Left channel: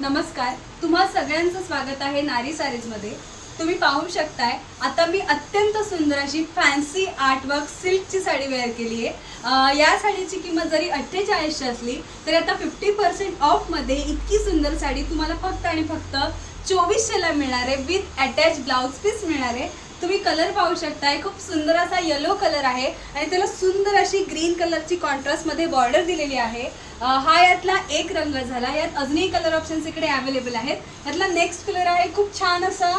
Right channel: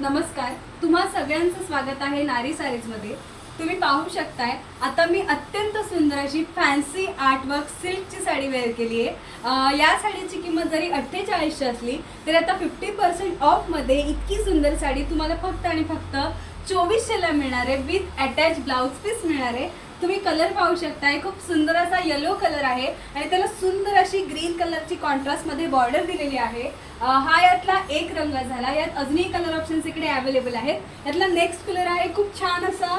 नमस्कार तुम्हा सगळ्यांचं स्वागत आहे नारी सारीजमध्ये. तुम्ही पाहू शकताय आता मी अत्यंत सुंदर अशी फॅन्सी आर्टवर्क सिल्कची साडी वेअर केली आहे. या साडीची किंमत जरी अठ्ठेचाळीसशे असली तरी आता फिफ्टी पर्सेंट ऑफमध्ये इतकी सुंदर साडी तुम्हाला फक्त आणि फक्त चोवीसशेला मिळणार आहे. विथ अटॅच ब्लाऊज पीस मिळणार आहे. तुम्ही कलर पाहू शकताय. खूप सुंदर असा येलो कलर आहे आणि त्याला सुंदर अशी ग्रीन कलरची कॉन्ट्रास्टमध्ये बॉर्डर दिलेली आहे. हा यातला एक रंग झाला. यात अजूनही कलर ऑप्शन्स इकडे अवेलेबल आहेत. यातला नेक्स्ट कलर आहे. खूप छान असा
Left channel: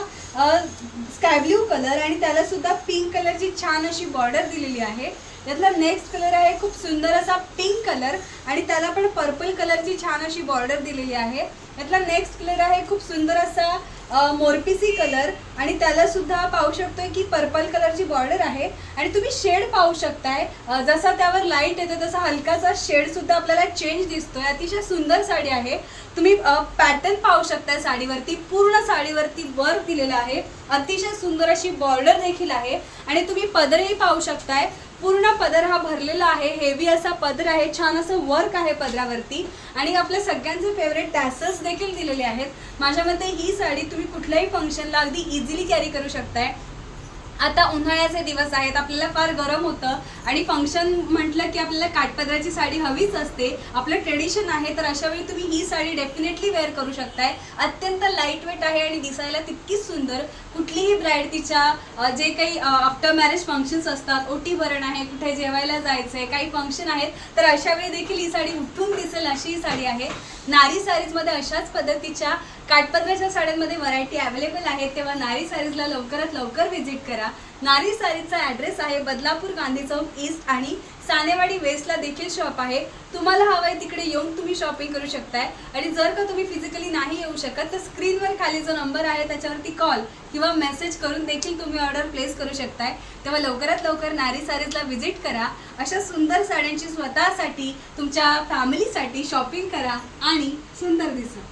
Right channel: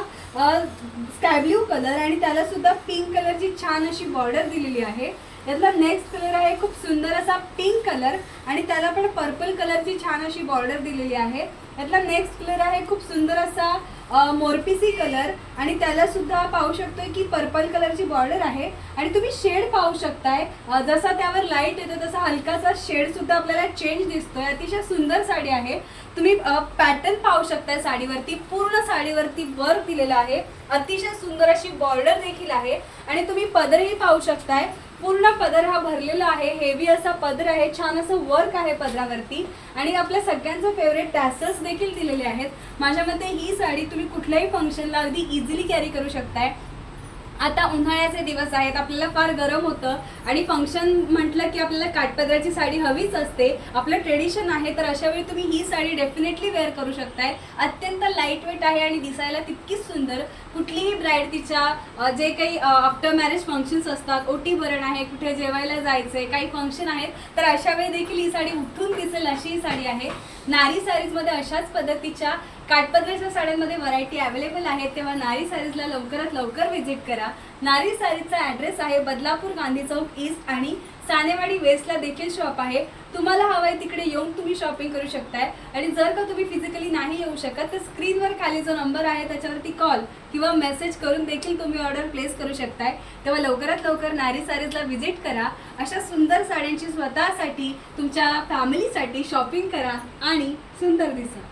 स्काय ब्ल्यू कलर आणि त्याला सुद्धा पिंक कलरची छान अशी बॉर्डर दिलेली आहे. यातला नेक्स्ट कलर आहे. खूप सुंदर असा पिंक कलर आणि त्याला पण पर्पल कलरची छान अशी बॉर्डर दिलेली आहे. यातला नेक्स्ट कलर आहे. खूप सुंदर असा मोरपिसी कलर आणि त्याला सुद्धा पाहू शकतोय की पर्पल कलरची बॉर्डर आहे. आणि तुम्ही शेड पाहू शकताय. जसा त्यावर लाइट येतो तसा हलकासा शेड सुद्धा आपल्याला चेंज दिसतोय. अतिशय सुंदर साडी आहे. तुम्ही पॅटर्न पाहू शकताय साडीवरती. पूर्ण साडीवरती वर्क दिलेलं आहे. अतिशय सुंदर अशी बॉर्डर देखील आहे. आणि तुम्ही पदरही पाहू शकताय. पूर्ण पदर हा भरलेला आहे. हेवी असा पदर आहे. छान असं वर्क आहे पदरावरती. आणि आपल्या सगळ्यांचे फेवरेट टॅसेस देखील दिलेले आहेत. माझ्या मते ही साडी तुम्ही कुठल्याही फंक्शनला अगदी इझिली कॅरी करू शकताय. आता उन्हाळ्याचे दिवस आहेत आपल्याला फार गरम होतं आणि फंक्शन म्हटलं की आपल्याला काठपदराची साडी हवीच असते. आपलं ट्रेडिशन आहे तर अशा वेळी तुम्ही ही साडी डेफिनेटली वेअर करू शकताय. अत्यंत लाइट वेट आहे आणि दिसायला तितकीच सुंदर. कुठलीही ब्राईड तिच्या जे काही आफ्टर मॅरेज फंक्शन्स असतात ओटी भरण आहे कुठे जेवायला जायचंय काही फंक्शन आहेत तर अशा वेळी देखील ही साडी उठून दिसेल अशी ही साडी आहे. नारी साडीजमध्ये अशाच पद्धतीच्या काठपदराच्या साड्यांमध्ये व्हरायटी अवेलेबल आहेत तेव्हा नारी साडीजला लवकरात लवकर व्हिजिट करा. नारी साडीचा ॲड्रेस आहे बदलापूर गांधी चौक ईस्ट आणि सानेवाडी वेस्टला देखील शॉप आहे. तुम्हाला हवंय तिकडे येऊन तुम्ही शॉपिंग करू शकताय. आणि जर का तुम्ही फिजिकल नाही येऊ शकत. तर स्क्रीनवर खाली जो नंबर आहे त्याच्यावरती कॉल किंवा मेसेज करून देखील तुम्ही ऑर्डर प्लेस करू शकताय. तेव्हा लवकरात लवकर नारी सारीजला व्हिजिट करा. अशा सुंदर साड्यांची स्वतःसाठी तुमच्या फॅमिलीसाठी शॉपिंग करा आणि सुंदर दिसा.